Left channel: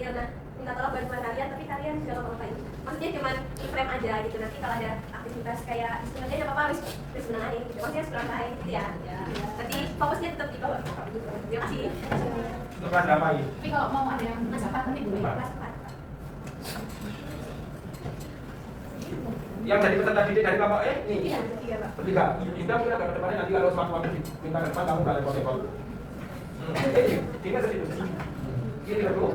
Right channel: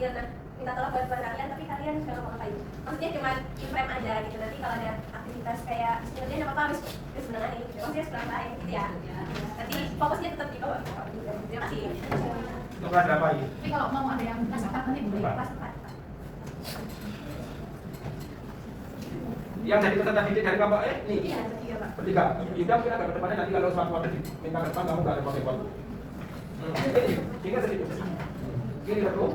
tampil. Nah, minta tolong bantuan kalian, tapi kalian jangan ngapain. Maksudnya cuma frame aja gitu. Nanti kalau ada aktivitas kayak istilahnya nggak apa-apa, harus menangani gitu. Maksudnya sebenarnya gitu ya. Nanti fokusnya tetap di bawah. Terima kasih. Kelas berapa ini? Tapi kalau mau ada yang kelas 4 nanti boleh. Kelas 4. Yang jadi peserta didik dari kelompok E nih. Iya, bertiga, Pak. Bertiga. Kita kita ke depannya nanti kalau suatu minta ke depan kamu nggak repot-repot. Ini sedikit. Ini aku.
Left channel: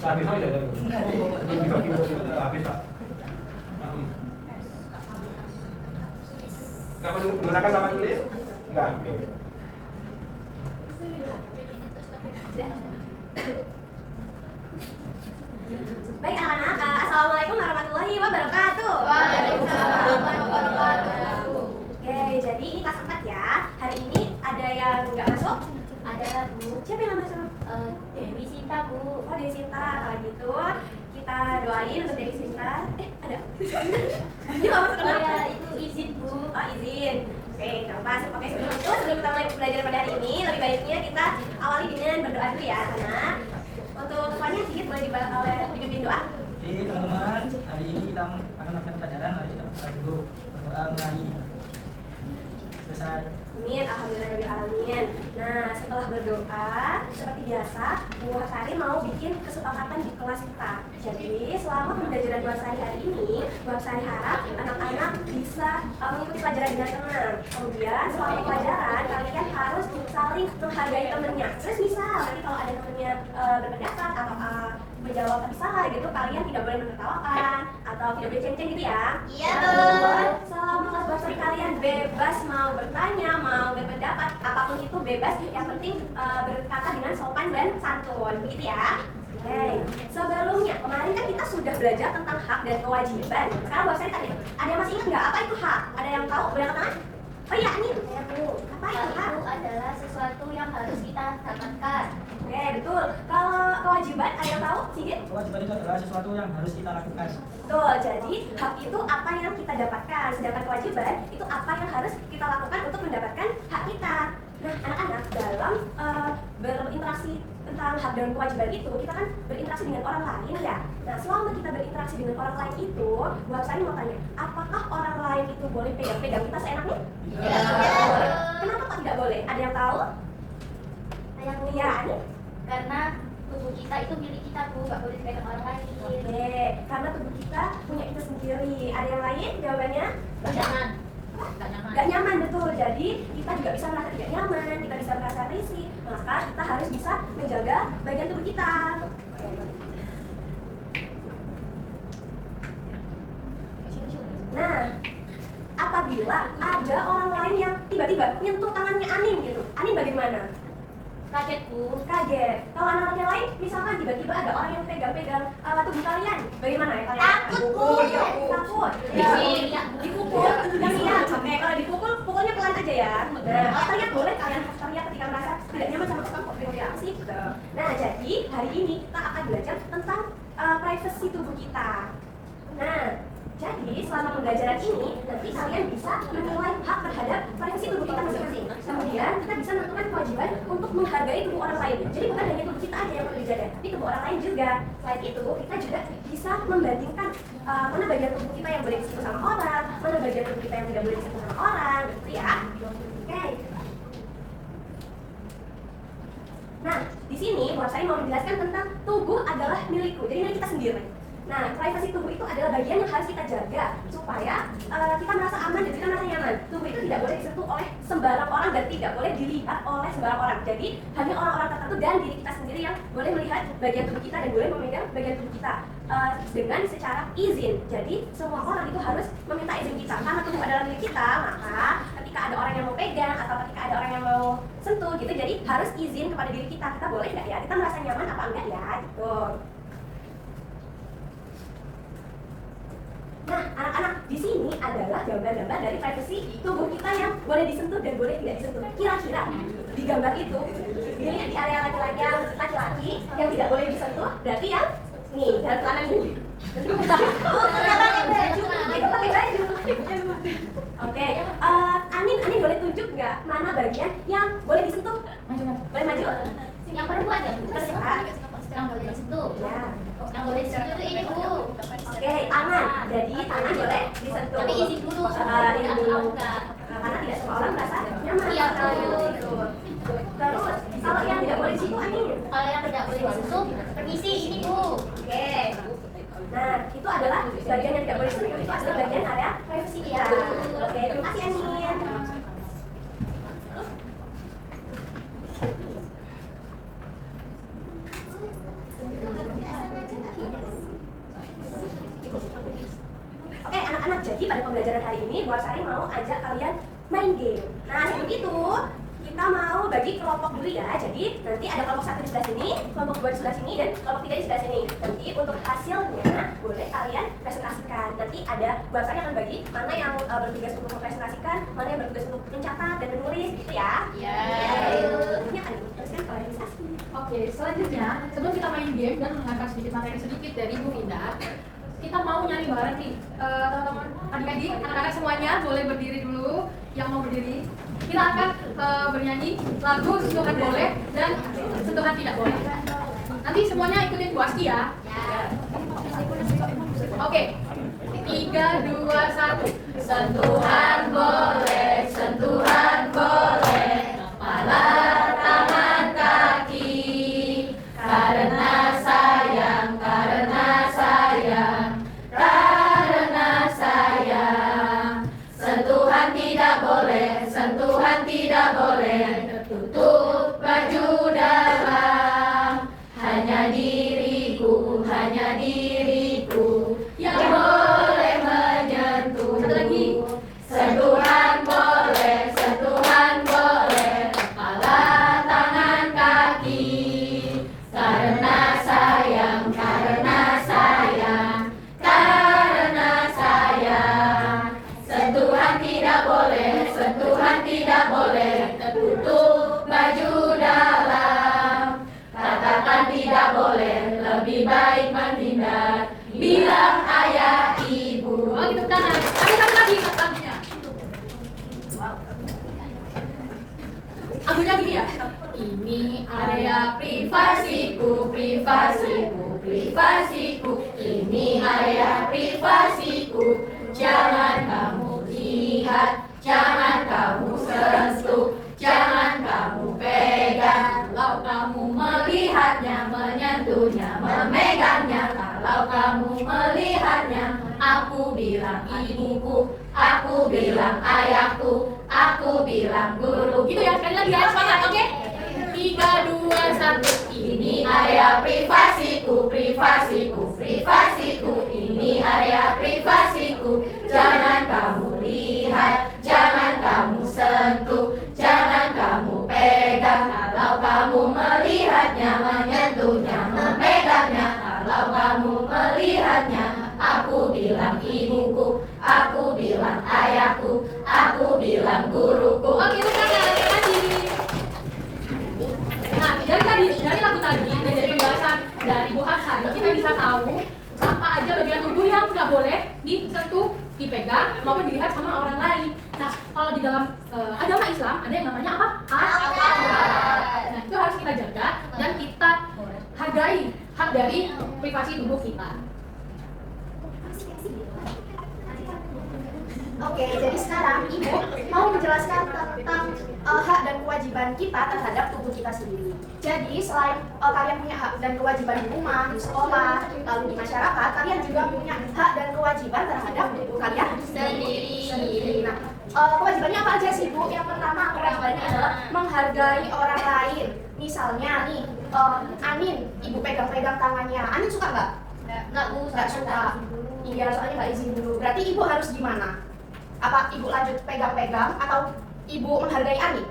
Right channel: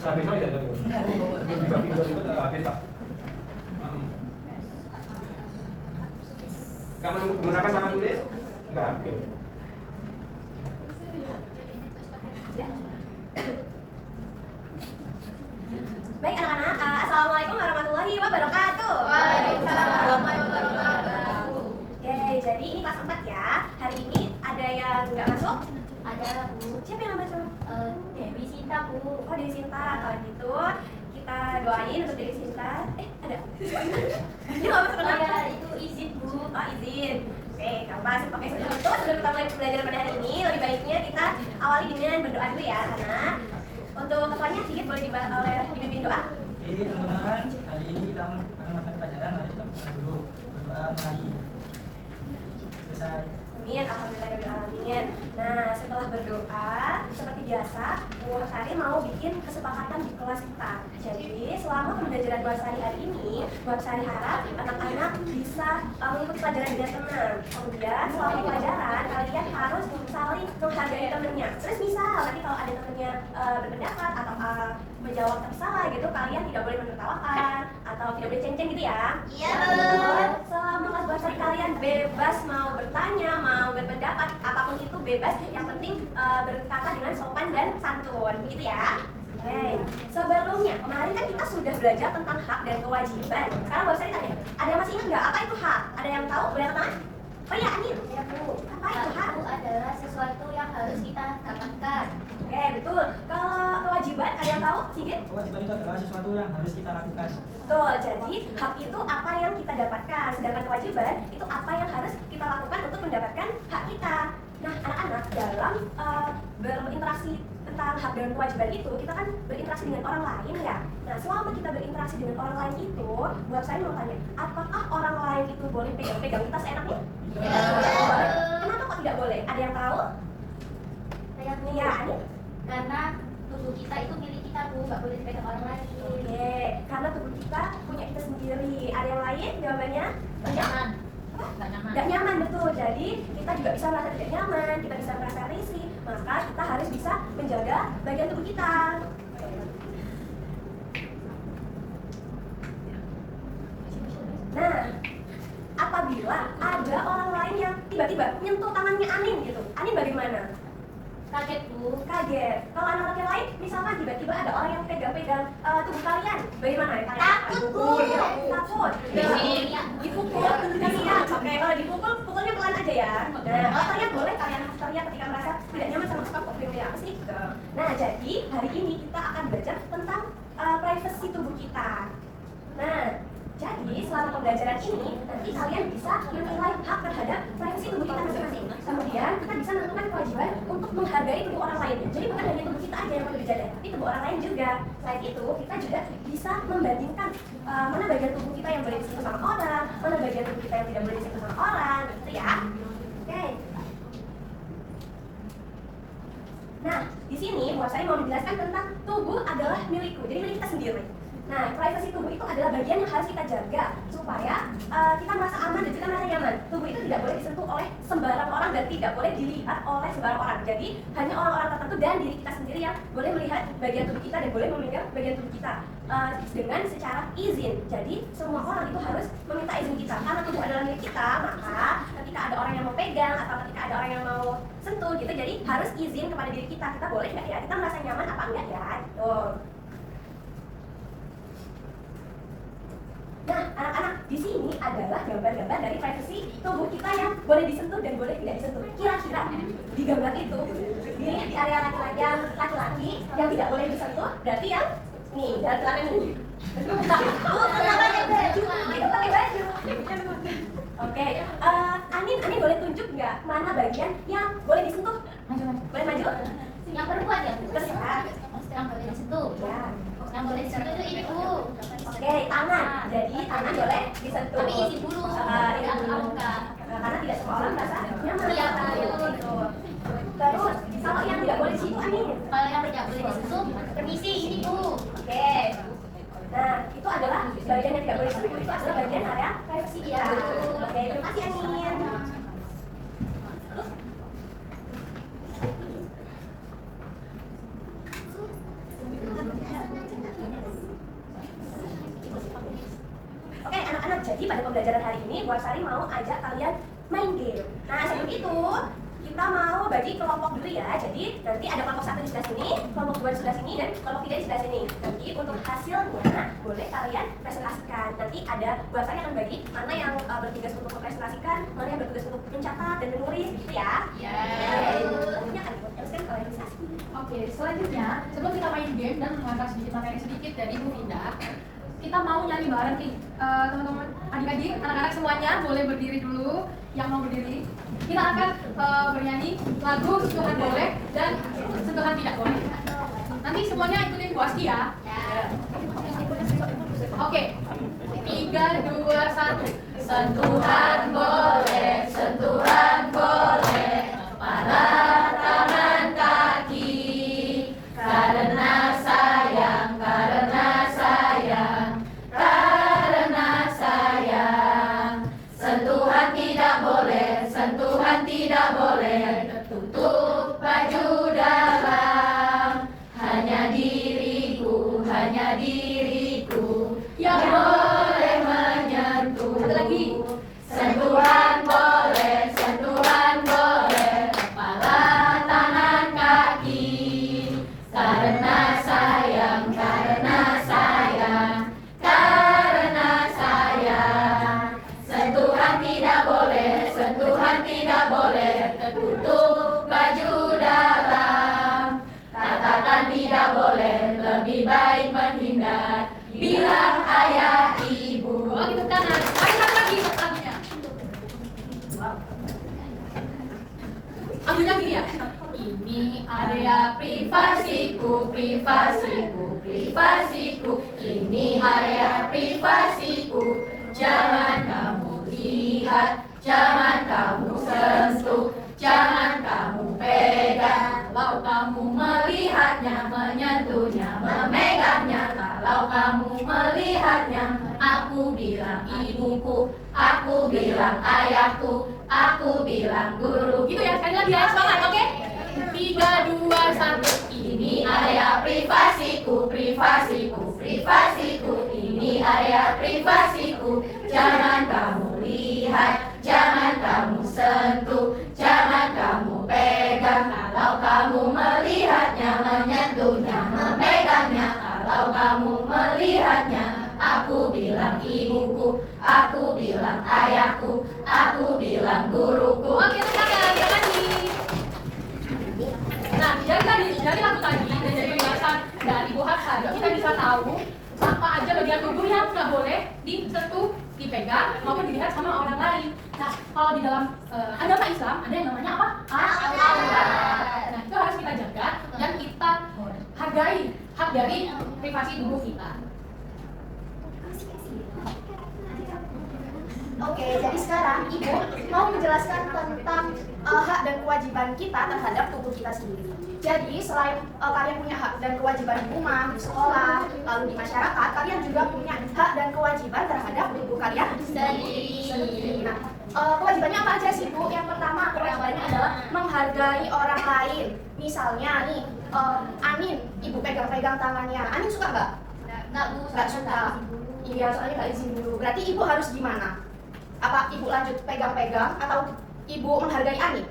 Habis aja ya. Habis tak. Kamu menggunakan tangan tulis? Enggak. Oke. Baik anak-anak, assalamualaikum warahmatullahi wabarakatuh. Waalaikumsalam warahmatullahi wabarakatuh. Oke, jadi ini kelas 4 ya. Hari ini ada yang nggak masuk? Ada Bu. Siapa yang nggak masuk? Dewi Sinta Bu. Oh, Dewi Sinta. Kalau gitu kita doain untuk Dewi Sinta. Ada? Dia nggak masuk kenapa? Ya itu izin Bu. Oh, izin. Oke, coba pakai sebelum itu sebelum kita mulai belajar pada hari ini, lebih baiknya kita awali dengan berdoa dulu ya, anak. Untuk ketuanya sedikit boleh dibimbing doa. Oke teman-teman, hari ini kita akan melakukan pelajaran. Mari kita berdoa dulu. Berdoa mulai. Selesai. Amin, alhamdulillahirobbilalamin. Nah, setelah berdoa, seperti biasa, Bu Sari mau bikin kesepakatan di kelas kita. Jadi, selama pembelajaran Bu Sari hari ini, Bu Sari harap anak-anak bisa mengikuti pelajaran dengan tenang. Kemudian, selama pelajaran, kalian harus saling menghargai temennya. Terus misal, nanti kalau ada temennya berpendapat atau menjawab tersalah gitu, kalian tidak boleh menertawakan atau tidak boleh ceng-ceng gitu ya. Iya, Selama kelas Bu Sari kalian bebas mau bertanya, mau berpendapat, apapun itu bebas, yang penting berkata dengan sopan dan santun, begitu ya. Oke, sebelumnya kemarin kan kita sudah belajar tentang hak dan kewajiban. Sekarang Bu Sari tanya, ada yang masih ingat nggak apa itu hak? Ada yang tahu? Boleh angkat tangan? Oh iya, ini ya Bu. Apa itu hak? Itu adalah sesuatu yang harus kita dapatkan. Oke, betul. Kalau kewajiban ada yang tahu? Sigit? Kewajiban itu adalah sesuatu yang harus kita lakukan. Betul, jadi hak itu apa yang kita dapatkan, sedangkan kewajiban itu apa yang harus kita lakukan untuk mendapatkan hak kita. Nah, anak-anak dalam berinteraksi tentang hak dan kewajiban itu, kita kan berinteraksi dengan orang lain ya. Nah, selama kita berinteraksi dengan orang lain itu, buat saya mau tanya, apakah orang lain itu boleh pegang-pegang kita seenaknya? Tidak boleh. Kenapa kok tidak boleh? Ada yang tahu? Saya Bu. Iya, ini. Karena tubuh kita itu milik kita Bu, nggak boleh dipegang orang lain. Oke, karena tubuh kita punya kita sendiri. Ada yang lain jawabannya? Jangan. Nggak nyaman. Gak nyaman, betul. Jadi kita juga bisa merasa tidak nyaman, kita bisa merasa risih. Maka kita harus bisa menjaga bagian tubuh kita. Nah, apabila ada orang lain yang tiba-tiba nyentuh tangannya Anin gitu, Anin bagaimana? Kaget Bu. Kaget. Kalau anak-anak yang lain, misalkan tiba-tiba ada orang yang pegang-pegang tubuh kalian, bagaimana ya kalian? Takut, Bu. Takut. Iya. Dipukul. Iya. Oke, kalau dipukul, pukulnya pelan aja ya. Nah, kalau teriak boleh kalian teriak ketika merasa tidak nyaman sama kok pegang apa sih? Gitu. Nah, jadi hari ini kita akan belajar tentang privasi tubuh kita. Nah, jadi selama pembelajaran ini nanti kalian bisa menilai hak terhadap privasi tubuh kita masing-masing. Kemudian kita bisa menentukan kewajiban untuk menghargai tubuh orang lain. Jadi bukan hanya tubuh kita aja yang perlu dijaga, tapi tubuh orang lain juga. Selain itu kita juga bisa membandingkan mana bagian tubuh kita yang boleh disentuh sama orang, mana bagian tubuh kita yang tidak boleh disentuh sama orang, gitu ya. Oke. Nah, di sini buat saya mau menjelaskan tentang tubuh adalah milikku, jadi milik kita sendiri. Nah, privasi tubuh itu adalah bagian yang harus kita jaga supaya kita merasa aman dan kita merasa nyaman. Tubuh itu tidak boleh disentuh oleh sembarang orang dan tidak boleh dilihat oleh sembarang orang. Jadi, hanya orang-orang tertentu dan diri kita sendiri yang boleh melihat bagian tubuh kita dan boleh memegang bagian tubuh kita dengan secara izin. Jadi, semua orang itu harus meminta izin kita. Karena tubuh adalah milik kita, maka ketika ada orang yang mau pegang atau ketika ada orang yang mau sentuh gitu, jadi harus izin kepada diri kita. Kita boleh nggak ya? Kita merasa nyaman apa enggak ya? Gitu. Nah, anak-anak, di sini adalah gambar-gambar dari privasi tubuh kita yang boleh disentuh dan boleh tidak disentuh. Kira-kira di gambar itu, di area laki-laki yang tidak boleh disentuh, berarti yang nih, dalam celana ini. Itu pakai baju. Oke, Anin boleh tunjuk nggak mana bagian yang boleh disentuh? Boleh maju? Yang perempuan ya Bu. Terserah. Yang boleh disentuh. Ya. tangan. Jadi tangan boleh disentuh. Tapi izin dulu. Izin dulu. Buka. Karena tidak semua orang merasa nyaman. Iya, betul. Terus kalau yang tidak boleh di situ Anin. Kalau yang tidak boleh disentuh, permisi ini Bu. Oke. Nah, itu adalah bagian yang tidak boleh disentuh. Itu adalah bagian area privacy kita. Oke, terima kasih Anin. Oke anak-anak, jadi pada pembelajaran hari ini Bu Sari mau ajak kalian main game. Nah sebelum itu kita mau bagi kelompok dulu ya. Jadi nanti ada kelompok 1 di sebelah sini, kelompok 2 di sebelah sini, dan kelompok 3 di sebelah sini. Nanti untuk hasilnya boleh kalian presentasikan. Nanti ada Bu Sari akan bagi mana yang bertugas untuk mempresentasikan, mana yang bertugas untuk mencatat dan menulis gitu ya. Ya. Tentunya kan teruskan ke organisasi. Oke, selanjutnya sebelum kita main game dan mengangkat sedikit materi sedikit dari Bu Indah, kita mau nyanyi bareng nih, teman-teman, adik-adik, anak-anak semuanya boleh berdiri dulu. Yang mau berdiri, kita akan bernyanyi lagu sentuhan boleh dan sentuhan tidak boleh. Nanti semuanya ikutin Bu Asti ya. Oke, 3, 2, 1. Sentuhan boleh, sentuhan boleh, kepala, tangan, kaki, karena sayang, karena sayang, karena sayang. Sentuhan tidak boleh, sentuhan tidak boleh, tutup baju dalam. Hanya diriku yang boleh menyentuh. Satu lagi. Sentuhan boleh, kepala, tangan, kaki, karena sayang, karena sayang, karena sayang. Sentuhan tidak boleh, tertutup baju dalam. Katakan tidak boleh, lebih baik menghindar. Bilang ayah ibu. Oh gitu tangan. Ayo satu lagi lagunya. Lagunya gini ya. Ini area privasiku, privasiku, privasiku. Ini area privasiku. Jangan kamu lihat, jangan kamu sentuh, jangan kamu pegang. Kalau kamu melihatnya, menyentuhnya, memegangnya, kalau kamu melihatnya, aku bilang ibuku, aku bilang ayahku, aku bilang guru. Gitu ya, sekali lagi ya, semangat, oke? 3, 2, 1. Ini area privasiku, privasiku, privasiku. Ini area privasiku. Jangan kamu lihat, jangan kamu sentuh, jangan kamu pegang. Kalau kamu melihatnya, menyentuhnya, memegangnya, kalau kamu melihatnya, aku bilang ibuku, aku bilang ayahku, aku bilang guruku. Oke, sekarang lagi. Nah, dari lagu tadi dan dari penjelasan dari Bu Hafsari, kita bisa tahu apa aja bagian tubuh yang nggak boleh disentuh, dipegang, maupun dilihat sama orang lain. Nah, kalau di dalam agama Islam ada yang namanya apa? Aurat. Nah, itu harus kita jaga dan kita hargai hak dari privasi tubuh kita. Oke, jadi sekarang Ibu mau menjelaskan tentang hak dan kewajiban kita terhadap tubuh kita sendiri. Jadi selain kalian punya hak dan kewajiban di rumah, di sekolah, lalu di masyarakat, kalian juga punya hak dan kewajiban terhadap tubuh kalian sendiri. Nah, kewajibannya apa aja sih Bu? Yang pertama kewajibannya adalah menghargai orang lain. Misalnya nih, Anin, Ibu pegang-pegang tangannya. Anin suka nggak? Nggak suka. Iya, soalnya nggak izin dulu. Berarti Ibu harus gimana? Apa Ibu lanjut pegang-pegang atau Ibu menghargai Anin?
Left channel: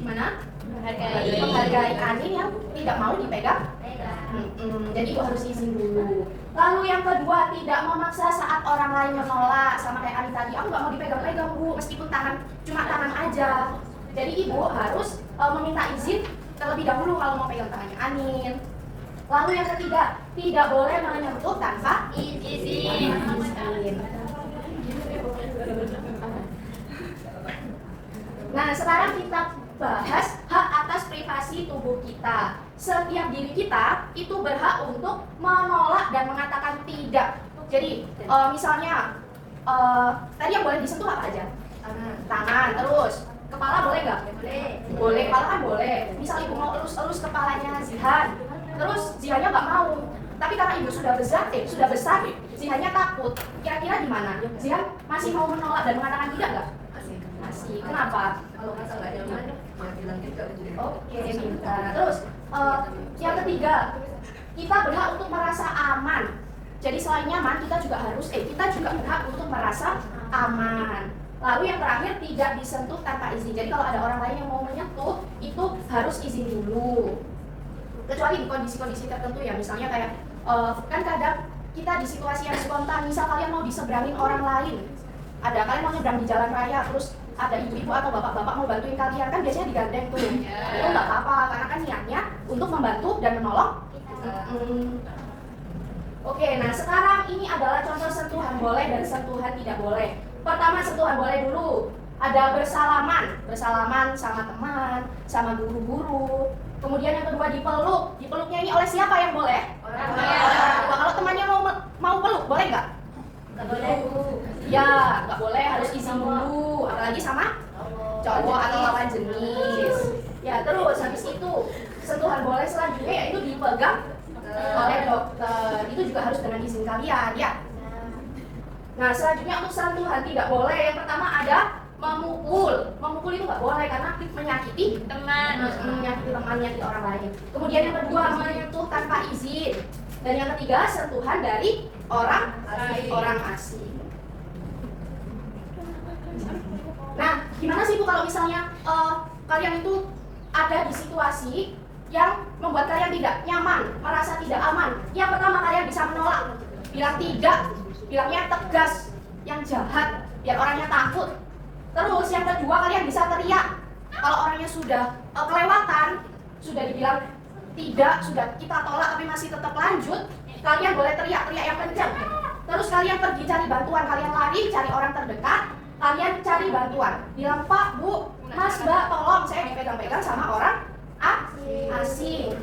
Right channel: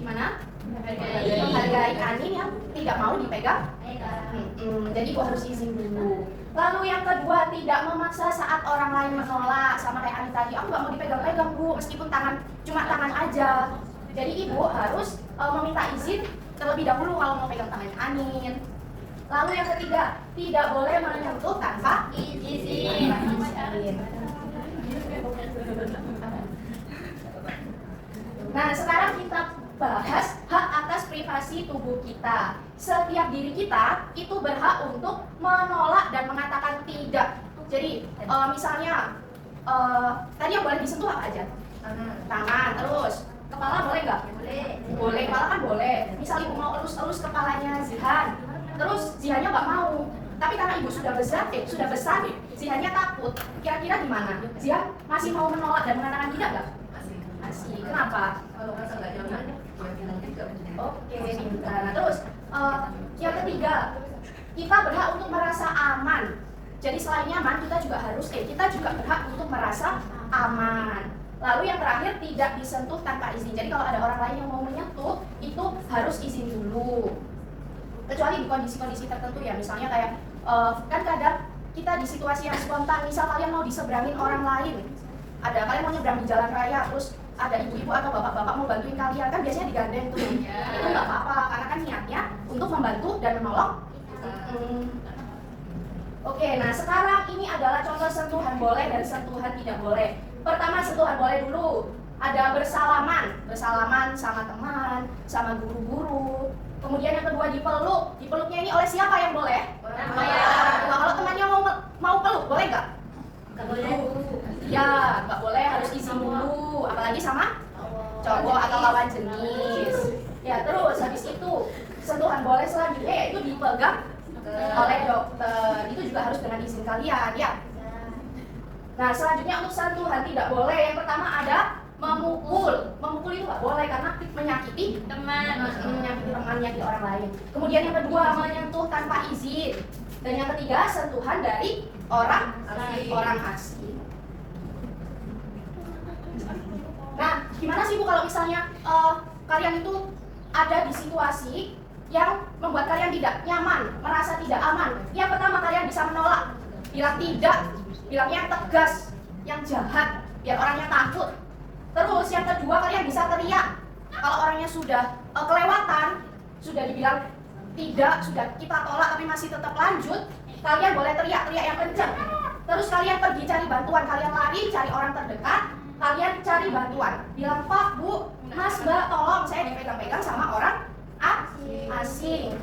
Gimana? Menghargai Anin yang tidak mau dipegang? Jadi Ibu harus izin dulu. Lalu yang kedua, tidak memaksa saat orang lain menolak. Sama kayak Anin tadi, aku nggak mau dipegang-pegang Bu, meskipun cuma tangan aja. Jadi Ibu harus meminta izin terlebih dahulu kalau mau pegang tangannya Anin. Lalu yang ketiga, tidak boleh menyentuh tanpa izin. Nah, sekarang kita bahas hak atas privasi tubuh kita. setiap diri kita itu berhak untuk menolak dan mengatakan tidak. Jadi misalnya tadi yang boleh disentuh apa aja? Tangan, terus kepala boleh nggak? Boleh, kepala kan boleh. Misal ibu mau elus-elus kepalanya Zihan, terus Zihannya nggak mau. Tapi karena ibu sudah besar, Zihannya takut. Kira-kira gimana? Zihan masih mau menolak dan mengatakan tidak nggak? Masih. Kenapa? Kalau merasa nggak nyaman, nanti juga menjadi. Oke, pintar. Nah, terus yang ketiga, kita berhak untuk merasa aman. Jadi selain nyaman, kita juga berhak untuk merasa aman. Lalu yang terakhir, tidak disentuh tanpa izin. Jadi kalau ada orang lain yang mau menyentuh, itu harus izin dulu. Kecuali di kondisi-kondisi tertentu ya, misalnya kayak kan kadang kita di situasi yang spontan, misal kalian mau diseberangin orang lain, kalian mau nyebrang di jalan raya, terus ada ibu-ibu atau bapak-bapak mau bantuin kalian, kan biasanya digandeng tuh. Itu nggak apa-apa, karena kan niatnya untuk membantu dan menolong. Oke, nah sekarang ini adalah contoh sentuhan boleh dan sentuhan tidak boleh. Pertama, sentuhan boleh dulu. Ada bersalaman sama teman, sama guru-guru. Kemudian yang kedua dipeluk. Dipeluknya ini oleh siapa yang boleh? Orang Nah, kalau temannya mau peluk, boleh nggak? nggak boleh dulu. Ya, nggak boleh, harus izin dulu. Apalagi sama cowok atau lawan jenis. Ya, terus habis itu sentuhan boleh selanjutnya yaitu dipegang oleh dokter. Itu juga harus dengan izin kalian, ya. Nah, selanjutnya untuk sentuhan tidak boleh. Yang pertama ada memukul. Memukul itu nggak boleh karena menyakiti teman, menyakiti orang lain. Kemudian yang kedua menyentuh tanpa izin. Dan yang ketiga sentuhan dari orang asing. Nah, gimana sih Bu kalau misalnya kalian itu ada di situasi yang membuat kalian tidak nyaman, merasa tidak aman? Yang pertama, kalian bisa menolak, bilang tidak, bilangnya tegas, yang jahat, biar orangnya takut. Terus yang kedua, kalian bisa teriak. Kalau orangnya sudah kelewatan, sudah dibilang tidak, sudah kita tolak tapi masih tetap lanjut, kalian boleh teriak yang kencang. Terus kalian pergi cari bantuan, kalian lari cari orang terdekat, kalian cari bantuan, bilang Pak, Bu, Mas, Mbak, tolong saya dipegang-pegang sama orang asing.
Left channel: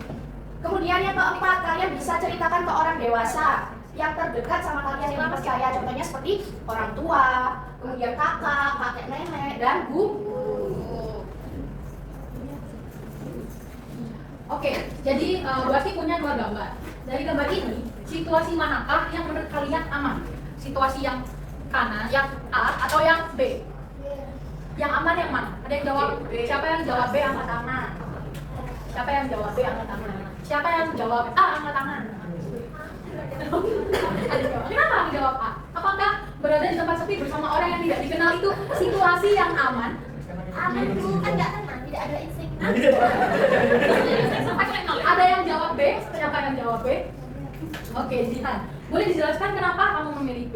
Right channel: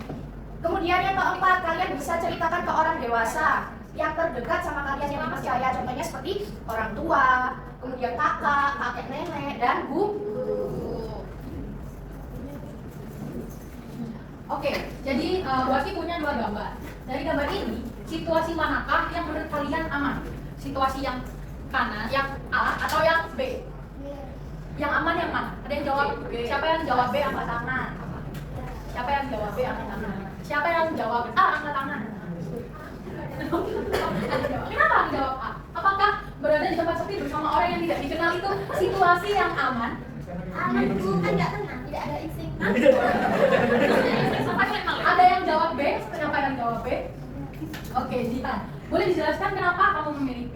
Kemudian yang keempat, kalian bisa ceritakan ke orang dewasa yang terdekat sama kalian yang dipercaya, contohnya seperti orang tua, kemudian kakek, nenek, dan guru. Oke, jadi Wati punya dua gambar. Dari gambar ini, situasi manakah yang menurut kalian aman? Situasi yang kanan, yang A, atau yang B? Yang aman yang mana? Ada yang jawab? Siapa yang jawab B angkat tangan? Siapa yang jawab B angkat tangan? Siapa yang jawab A angkat tangan? Ada jawab. Kenapa jawab A? Apakah berada di tempat sepi bersama orang yang tidak dikenal itu situasi yang aman? Aman itu kan nggak tenang, tidak ada insting. Ada yang jawab B? Siapa yang jawab B? Oke, Zihan. Boleh dijelaskan kenapa kamu memilih B?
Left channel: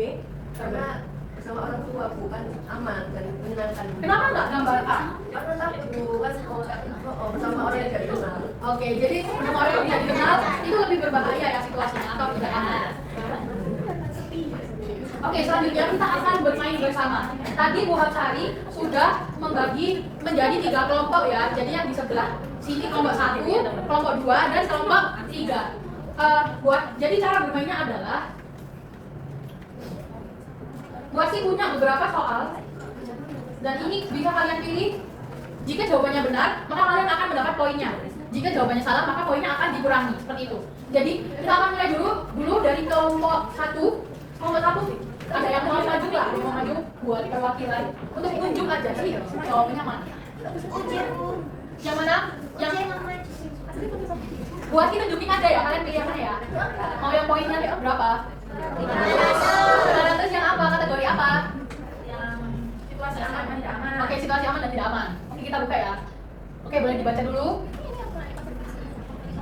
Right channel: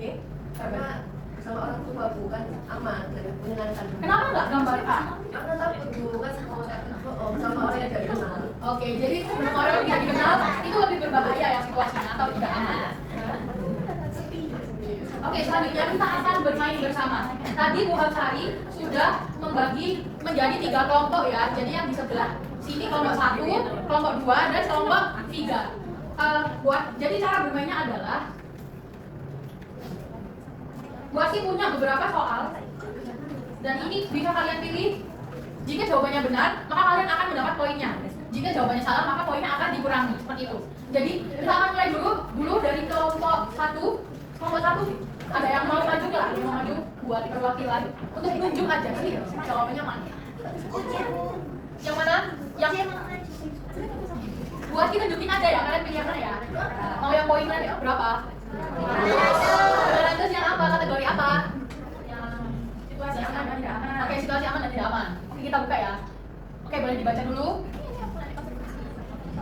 Karena sama orang tua bukan aman dan menyenangkan. Kenapa nggak gambar A? Karena takut dulu kan sama orang yang tidak dikenal. Oke, jadi dengan orang yang tidak dikenal itu lebih berbahaya ya situasinya atau tidak aman? Oke, selanjutnya kita akan bermain bersama. Tadi Bu Hapsari sudah membagi menjadi 3 kelompok ya. Jadi yang di sebelah sini kelompok 1, kelompok 2, dan kelompok 3. Jadi cara bermainnya adalah Buat sih punya beberapa soal dan ini bisa kalian pilih. Jika jawabannya benar, maka kalian akan mendapat poinnya. Jika jawabannya salah, maka poinnya akan dikurangi seperti itu. Jadi kita akan mulai dulu dari kelompok 1. Kelompok 1 ada yang mau maju nggak? Ada yang mau maju buat perwakilan untuk tunjuk aja sih jawabannya mana? Yang mana? Yang buat kita tunjukin aja ya, kalian pilih yang mana ya? Mau yang poinnya berapa? 500. Yang apa? Kategori apa? Yang situasi aman dan tidak aman. Oke, situasi aman dan tidak aman. Oke, kita buka ya. Oke, boleh dibaca dulu.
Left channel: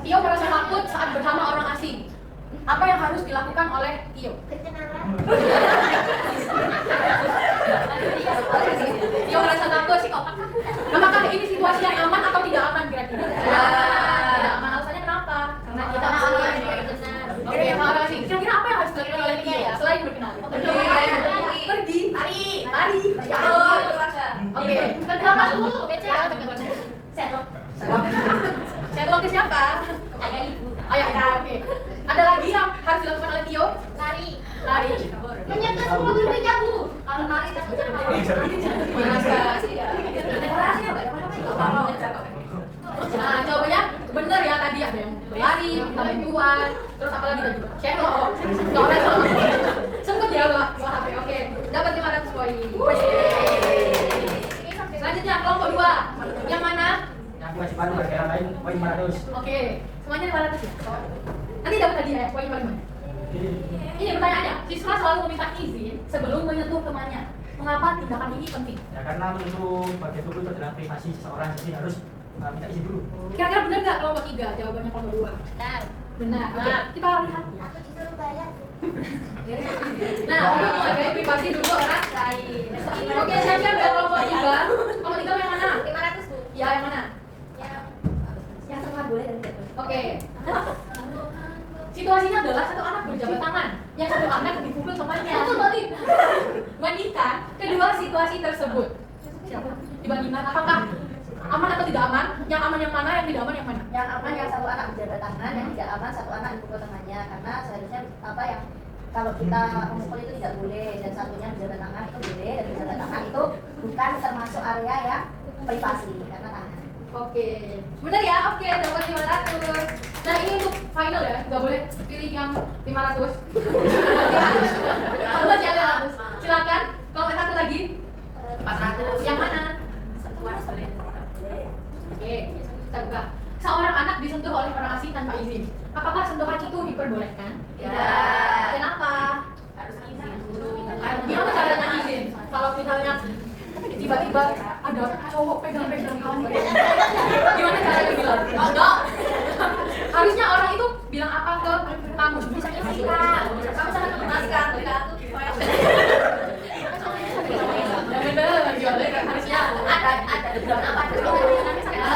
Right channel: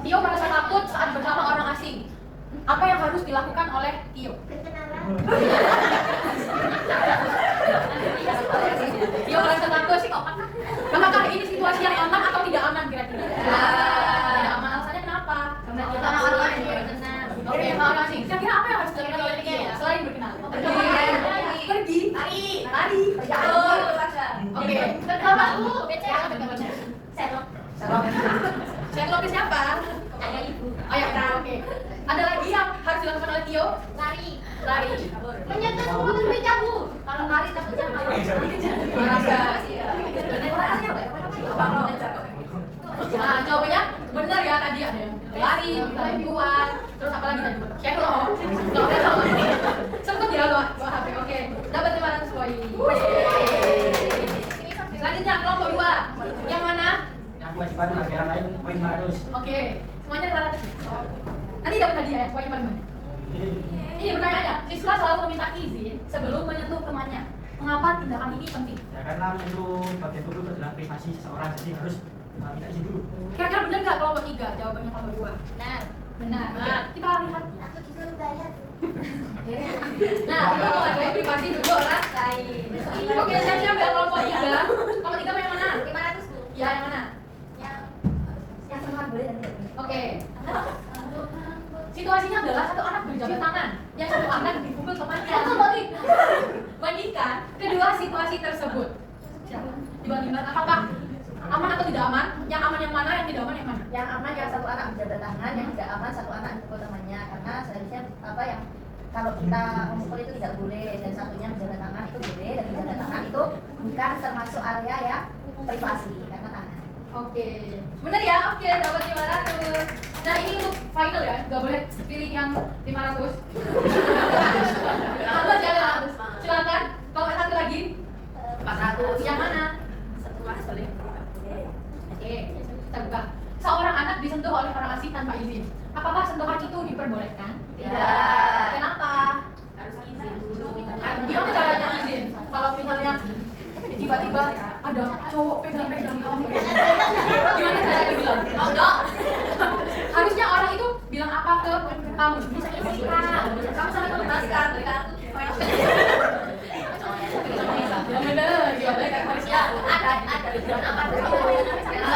Tio merasa takut saat bersama orang asing. Apa yang harus dilakukan oleh Tio? Tio merasa takut sih kok. Apakah ini situasi yang aman atau tidak aman kira-kira? Tidak aman. Alasannya kenapa? Karena kita tenang. Oke, makasih. Kira-kira apa yang harus dilakukan oleh Tio ya? Selain berkenalan. Pergi. Lari. Ya Allah. Oke. Kenapa dulu? Setlock ke siapa? Ada ibu. Ayo, nah, oke. Ada lagi yang harus dilakukan oleh Tio? Lari. Lari. Menyetor semua duitnya bu. Kalau lari takutnya malu. Nah, jawabannya benar ya tadi ada yang lari, minta bantuan, terus apa lagi tadi? Cendol. Sempet ya dua HP. Oke, dapat 500 poin. Selanjutnya kelompok 2. Yang mana? Yang kewajiban negara lain poin 500. Oke, semuanya 500 ya. Nanti dapat hadiah ya, poin paling banyak. Ini pertanyaannya, siswa selalu meminta izin sebelum menyentuh temannya. Mengapa tindakan ini penting? Ya karena itu bagian dulu adalah privasi seseorang, jadi harus minta izin dulu. Kira-kira benar nggak kelompok 3? Jawabannya kelompok 2. Nah, Benar. Oke, kita lihat. aku disuruh bayar. Nah, untuk menghargai privasi dulu orang lain. Oke, siap-siap ya kelompok 3. Kelompok 3 yang mana? 500 bu. Ya, yang mana? Yang setengah boleh dan tidak boleh. Oke. Situasinya adalah satu anak berjabat tangan, yang satu anak dipukul temannya. Bandingkan kedua situasi tersebut. Dibandingkan apakah aman atau tidak aman? Yang aman yang mana? Yang tidak aman yang mana? Yang aman yang satu anak berjabat tangan, yang tidak aman satu anak dipukul tangannya, karena seharusnya apa yang kalau kita memukul itu tidak boleh, dan satunya berjabat tangan itu boleh, dan berjabat tangan itu bukan termasuk area yang privasi karena tangan. Oke, benar ya? Oke, dapat 500. Nah, ini untuk final ya, nggak boleh pilih yang 500. Harus ya 500. Silakan. Kalau satu lagi 400. Yang mana? Boleh. Oke, kita buka. Seorang anak disentuh oleh orang asing tanpa izin. Apakah sentuhan itu diperbolehkan? Tidak. Kenapa? Harus izin dulu. Gimana caranya izin? Kalau misalnya tiba-tiba ada cowok pegang-pegang kamu, gimana caranya bilang? Oh, dong. Harusnya orang itu bilang apa ke kamu? Misalnya kamu sangat mengenaskan. Ya bener, gimana kan harusnya Ada apa?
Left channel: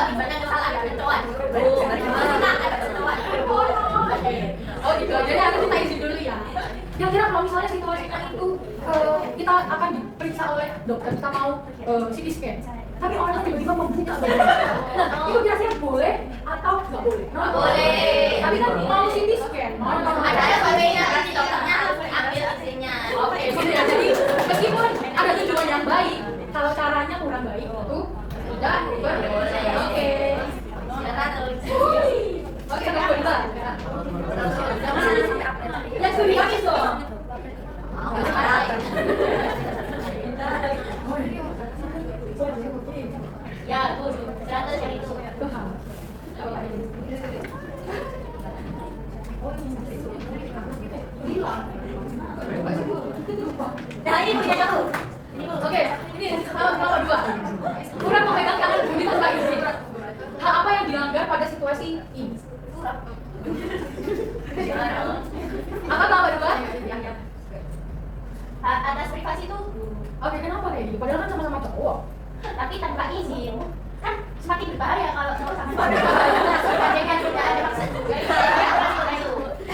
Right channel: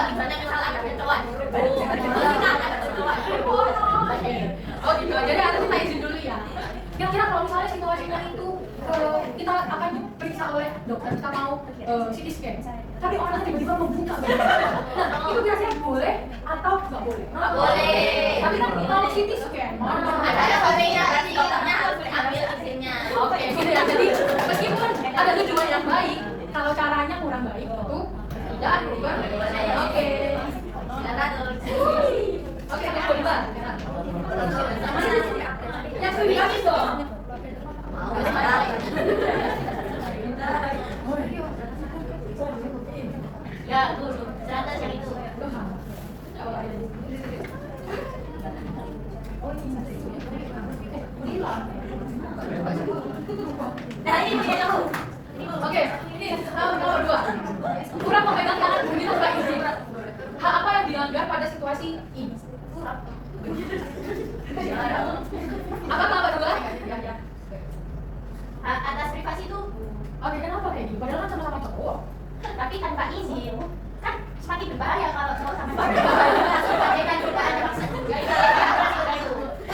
Gimana kalau ada kecoan? Ada kecoan. Oh gitu, jadi harus kita izin dulu ya. Kira-kira kalau misalnya situasinya itu kita akan diperiksa oleh dokter, kita mau CT scan, tapi orang tiba-tiba membuka badan. Nah, itu kira-kira boleh atau nggak boleh? Nggak boleh. Tapi kan mau CT scan, Ada bolehnya, nanti dokternya harus ambil izinnya. Oke, gitu ya. Jadi meskipun ada tujuan yang baik, kalau caranya kurang baik itu tidak boleh. Oke. Silakan terus. Oke, kita coba. Yang mana? Yang studi kamis dong. Ya, Bu, 100 yang itu. Nah, ini punya kamu. Oke, ini nomor 2. Kurang memegang tangan Budi tanpa izin. Hal apa yang dilanggar pada situasi ini? Apa nomor 2? Atas privasi itu, Oke, kenapa kayak gitu? Padahal kan sama-sama cowok. tapi tanpa izin. Kan semakin berbahaya kalau cowok sama cowok. Sebagai kan tidak ada maksud juga. Itu.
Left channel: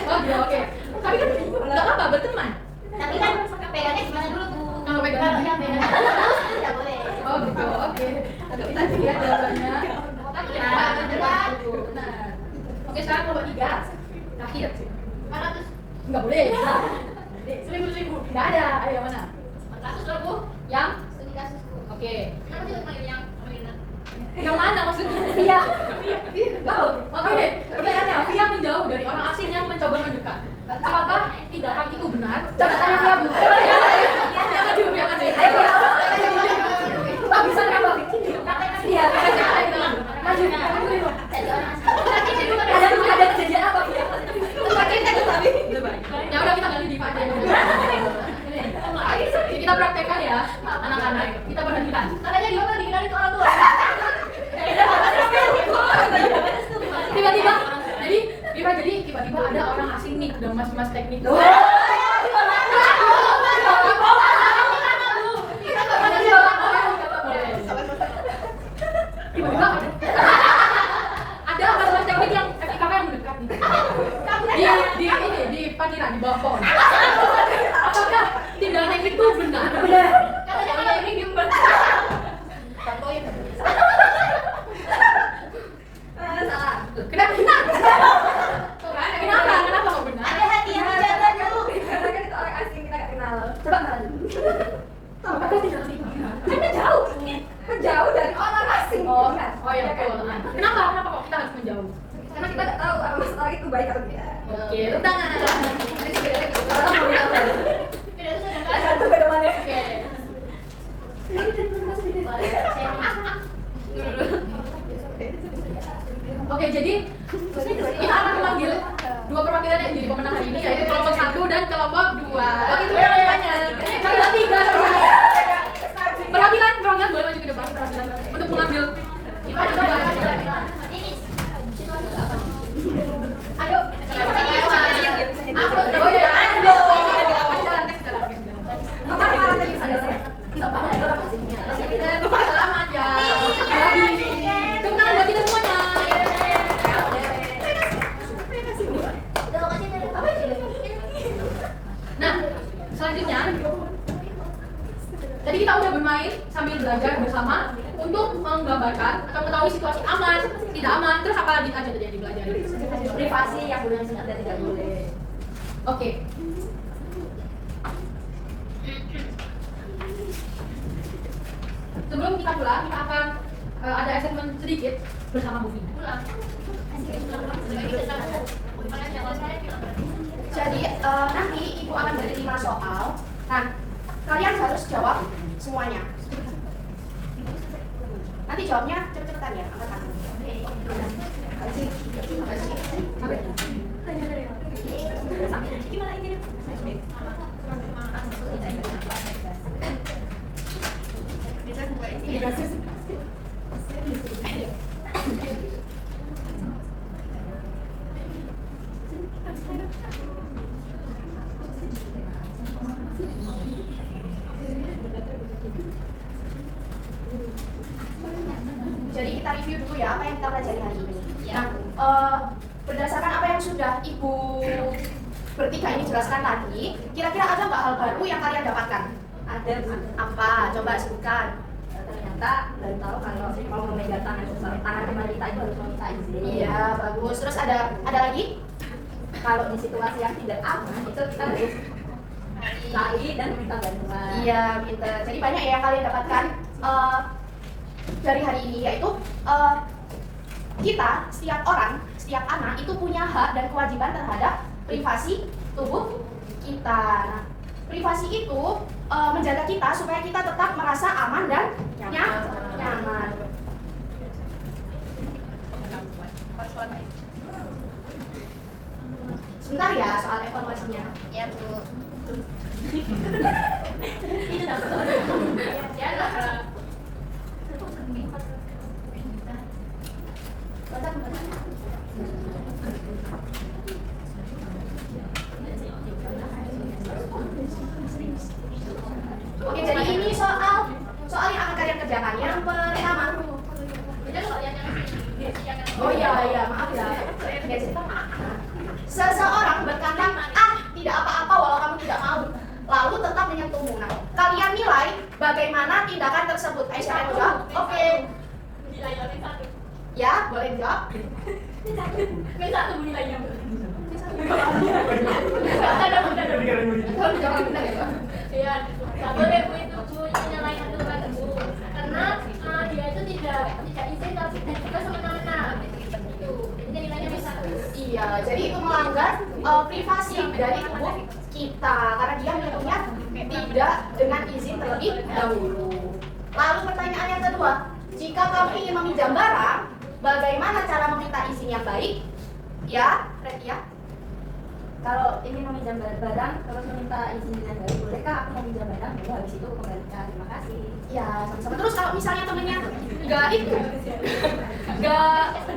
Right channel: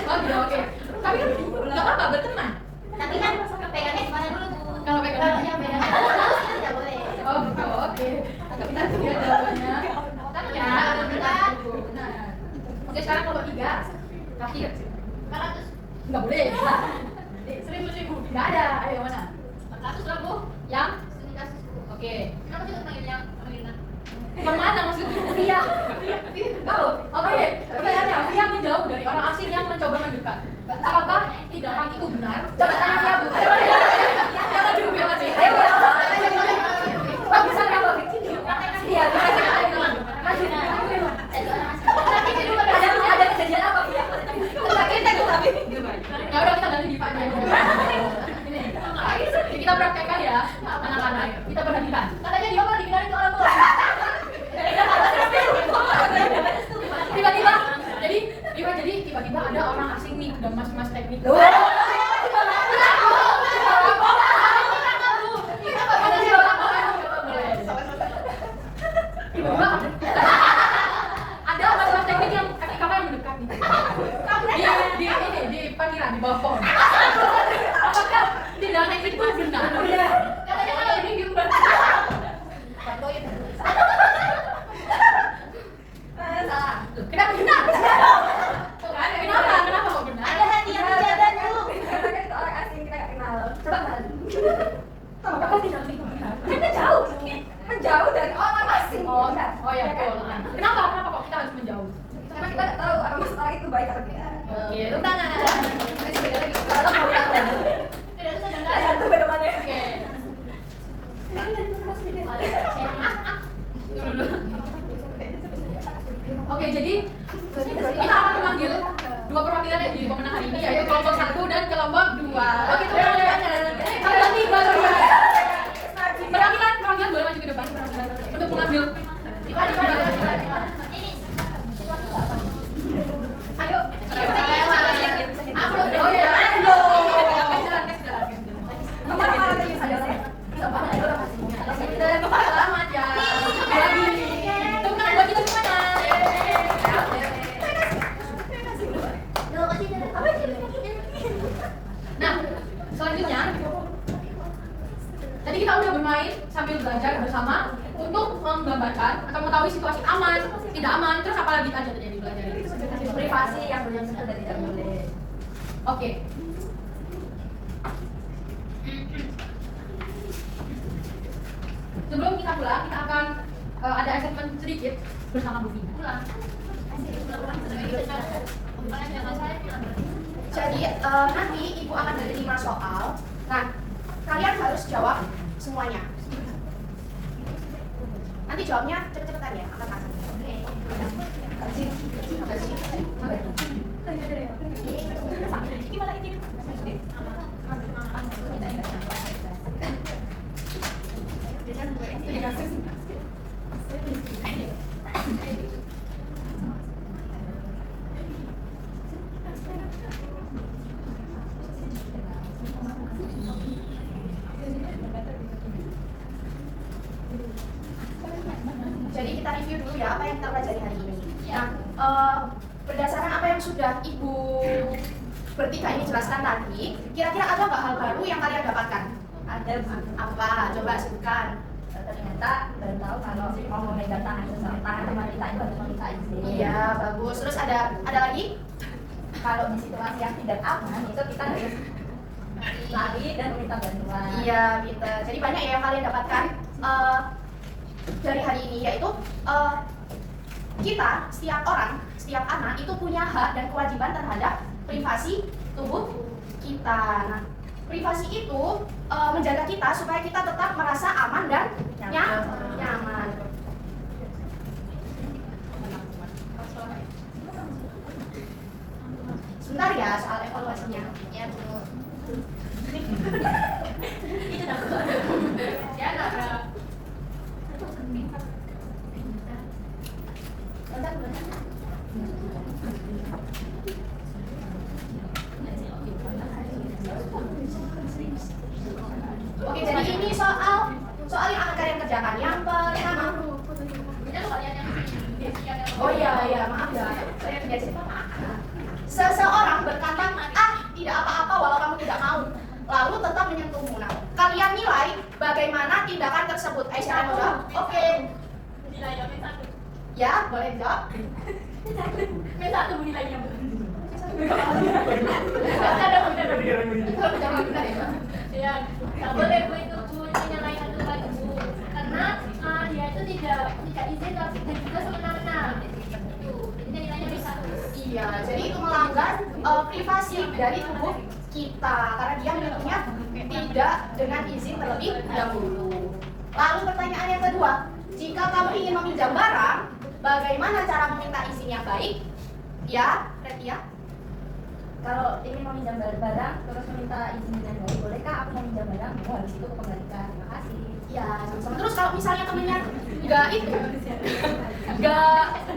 Oh gitu, oke. Tapi kan nggak apa-apa, berteman. Tapi kan pegangnya gimana dulu, Bu? Kalau pegang. Kalau yang beda terus itu tidak boleh. Oh gitu, oke. Agak pintar sih ya jawabannya. Ya, Benar. Oke, sekarang nomor 3. Terakhir. 400. Nggak boleh. 1.000. Nggak ada. Ayo mana? 400 lah, Bu. Yang? Studi kasus, Bu. Oke. Kenapa juga panggil yang Amelina? Yang mana maksudnya? Iya. Tahu. Oke. Pertanyaannya, Via menjauh dari orang asing yang mencoba mendekat. Apakah tindakan itu benar? Coba tanya Via, Bu. Aduh, Via mana? Ayo, Pak, bisa nggak, Pak? Iya, maju. Ada kejadian apa, Via? Ya udah, kita ganti di Pak aja. Ini kita praktekkan ya, anak-anak. Kita perhatikan. Katanya dia kan dikenalin ke orang tua. Tiba-tiba ada orang asing nih, ada mas-mas teknik. Tiba-tiba ada mas-mas teknik yang FIKK yang mendekat nih. Di parkiran, di bawah pohon. Apakah tindakan itu benar? Benar. Katanya kan ini gimana? Salah. Kenapa benar? Oke, tepuk tangan. Kalau mau tahu. Tidak usah dengar. Ada tuh bagaimana? Oke. Oke, jadi kita akan memanggil dua perwakilan yang jadi pemenang hari ini, yaitu kelompok 1 dan kelompok 2. Oke, itu kalian 3 perwakilan boleh maju ke depan untuk mengambil. Ayo. Oh ya, selamat ya. Tunggu buat kita semuanya. Nah, selanjutnya tadi kita udah bermain sambil belajar bersama untuk menggambarkan atau mengetahui situasi aman, tidak aman, terus apa lagi aja tadi yang dipelajari? Privasi yang boleh dan tidak boleh. Oke. Sebelum kita pulang, kita akan ada assessment sedikit bersama Bu Vina. Jadi nanti ibu akan beri 5 soal. Nah, kalian harus jawab semuanya. Nanti jawabnya cepet-cepetan ya, angkat tangan. Gimana ini? Jadi kita review dulu ya apa yang kita pelajari hari ini. Nah, berdasarkan apa yang sudah ibu bertiga ini jelaskan tadi, kira-kira ada nggak hal baru yang kalian dapatkan? Ada Apa? Coba sebutkan. ternyata baru tahu kalau mau memegang tangan teman kita itu harus meminta izin. Iya, bagus. Terus ada lagi? Kalau di situasi yang tidak aman itu kita harus lari dan meminta bantuan. Iya, pinter. Jadi banyak ya yang kalian dapatkan dari hari ini, yaitu kita, setiap orang, setiap anak itu punya hak dan kewajiban terhadap privasi tubuh kita. Nah, privasi itu menjaga kita supaya kita tetap merasa aman dan nyaman. Sebentar ya soal evaluasinya. Ya, Bu. Ya, enggak. Oke, jadi ini soal yang akan kalian kerjakan. Yang pertama. Oh iya, maaf ya. Saya tidak cerita. Seseorang berkata, tidak apa-apa walau kamu tidak mau. Lalu tetap menyentuhmu. Nah, kalian nilai bagaimana tindakan tersebut. Aisyah mau jawab? Oke. Ya, boleh dijawab. Kalau dijawab benar ya, Pak? Ya, nggak boleh Bu itu Bu menyalahkan Tuhan Bu, karena dia itu tidak izin tapi dan juga semena-mena. Itu, jadi nilainya bisa. Iya, jadi itu melanggar privasi dari tubuh kita karena dia menyentuhnya tidak dengan izin terlebih dahulu. Lalu pertanyaan yang kedua, jika kamu ingin meminjam barang, bagaimana cara meminta izin yang baik? Ya, Red ya. Kalau ingin meminjam barang terus meminta izin yang baik, bolehkah aku meminjam barang? Boleh, habis itu aku kembalikan. Terima kasih. Ya, sama-sama. Terus kalau misalnya temennya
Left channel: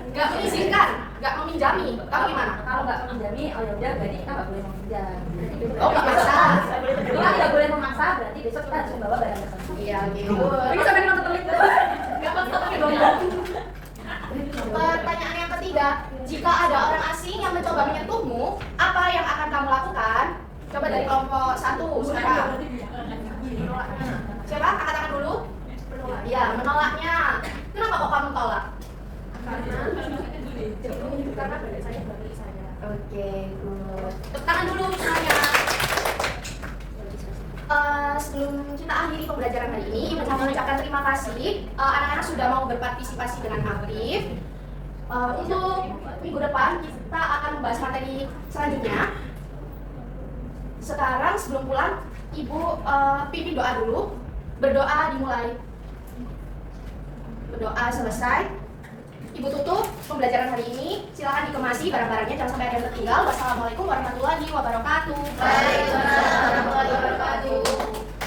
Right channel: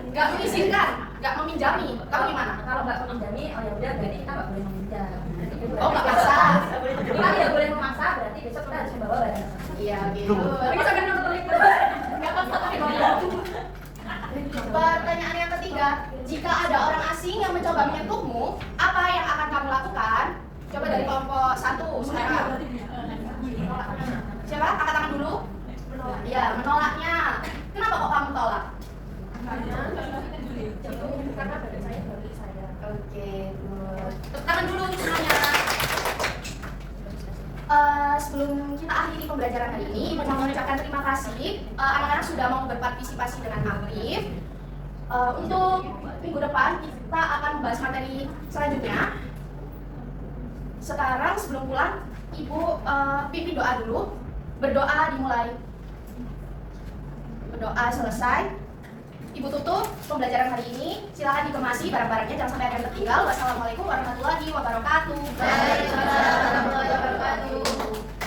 nggak mengizinkan, nggak meminjami, kamu gimana? Kalau nggak meminjami, oh ya udah, berarti kita nggak boleh meminjam. Oh, nggak maksa. Kita tidak boleh memaksa, berarti besok kita harus membawa barang tersebut. Iya, gitu. Ini sampai nonton itu. Nggak apa-apa pakai dolar. Pertanyaan yang ketiga, jika ada orang asing yang mencoba menyentuhmu, apa yang akan kamu lakukan? Coba dari kelompok 1 sekarang. Siapa? Angkat tangan dulu. Iya, menolaknya. Kenapa kok kamu tolak? Karena badan saya bagi saya. Oke, good. Tepuk tangan dulu semuanya. Sebelum kita akhiri pembelajaran hari ini, Ibu mau mengucapkan terima kasih. Anak-anak sudah mau berpartisipasi dengan aktif. Untuk minggu depan kita akan membahas materi selanjutnya. Sekarang sebelum pulang, Ibu pimpin doa dulu. Berdoa dimulai. Berdoa selesai. Ibu tutup pembelajaran hari ini. Silakan dikemasi barang-barangnya, jangan sampai ada yang tertinggal. Wassalamualaikum warahmatullahi wabarakatuh. Waalaikumsalam warahmatullahi wabarakatuh.